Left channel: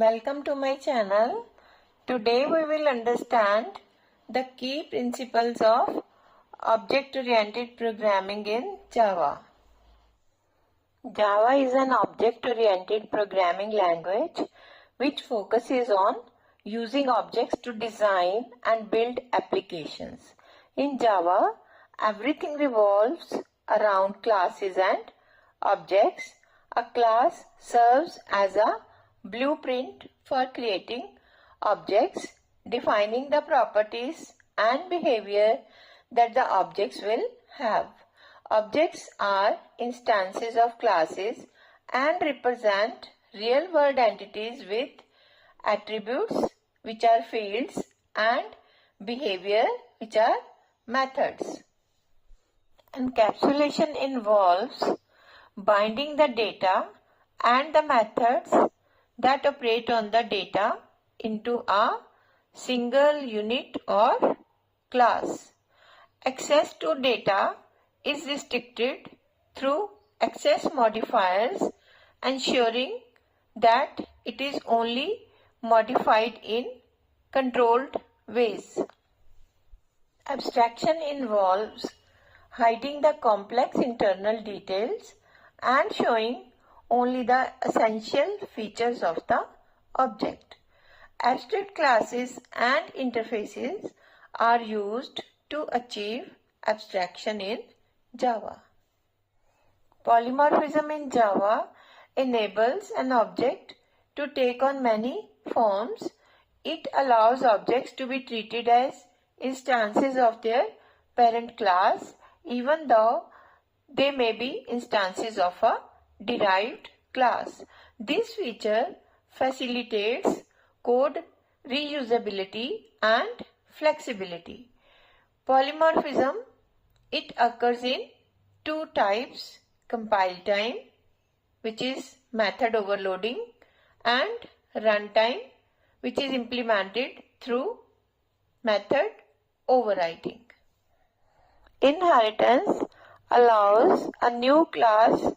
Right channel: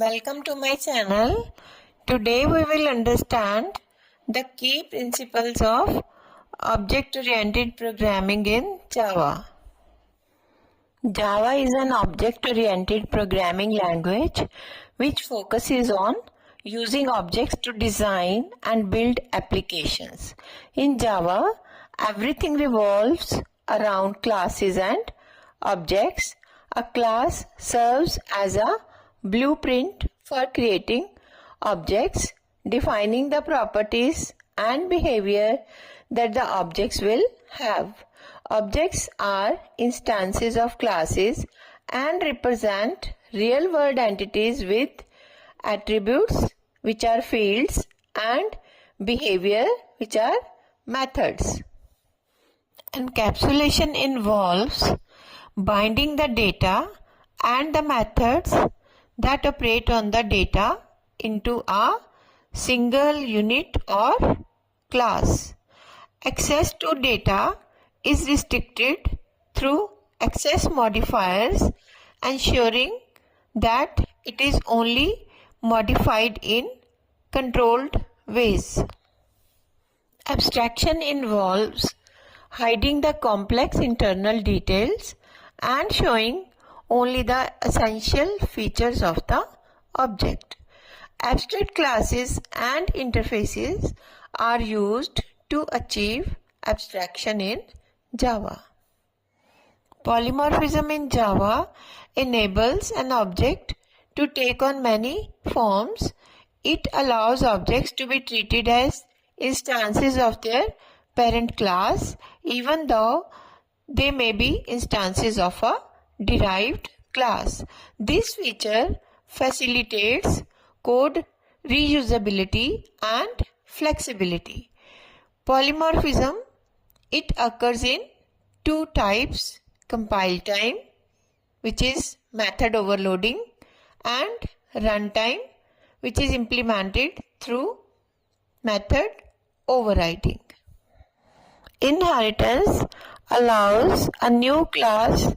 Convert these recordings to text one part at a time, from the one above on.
Welcome to my channel. Today we will understand the key principles of object-oriented programming in Java. Java is an object-oriented programming language which focuses on using objects to design and build applications. In Java, everything revolves around classes and objects. A class serves as a blueprint for creating objects, defining the properties and behavior that the objects will have. Objects are instances of classes and represent real-world entities with attributes which are fields and behavior which are methods. Encapsulation involves binding the data and the methods that operate on the data into a single unit or class. Access to data is restricted through access modifiers, ensuring that it is only modified in controlled ways. Abstraction involves hiding the complex internal details and showing only the essential features of the object. Abstract classes and interfaces are used to achieve abstraction in Java. Polymorphism in Java enables an object to take on many forms. It allows objects to be treated as instances of their parent class, even though they may be instances of a derived class. This feature facilitates code reusability and flexibility. Polymorphism, it occurs in two types: compile time, which is method overloading, and runtime, which is implemented through method overriding. Inheritance allows a new class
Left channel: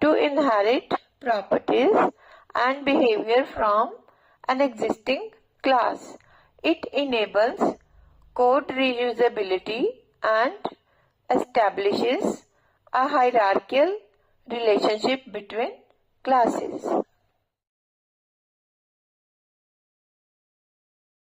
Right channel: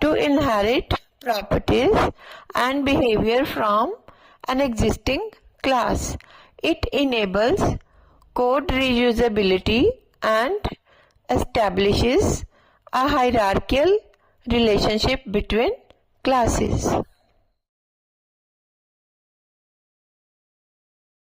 to inherit properties and behavior from an existing class. It enables code reusability and establishes a hierarchical relationship between classes.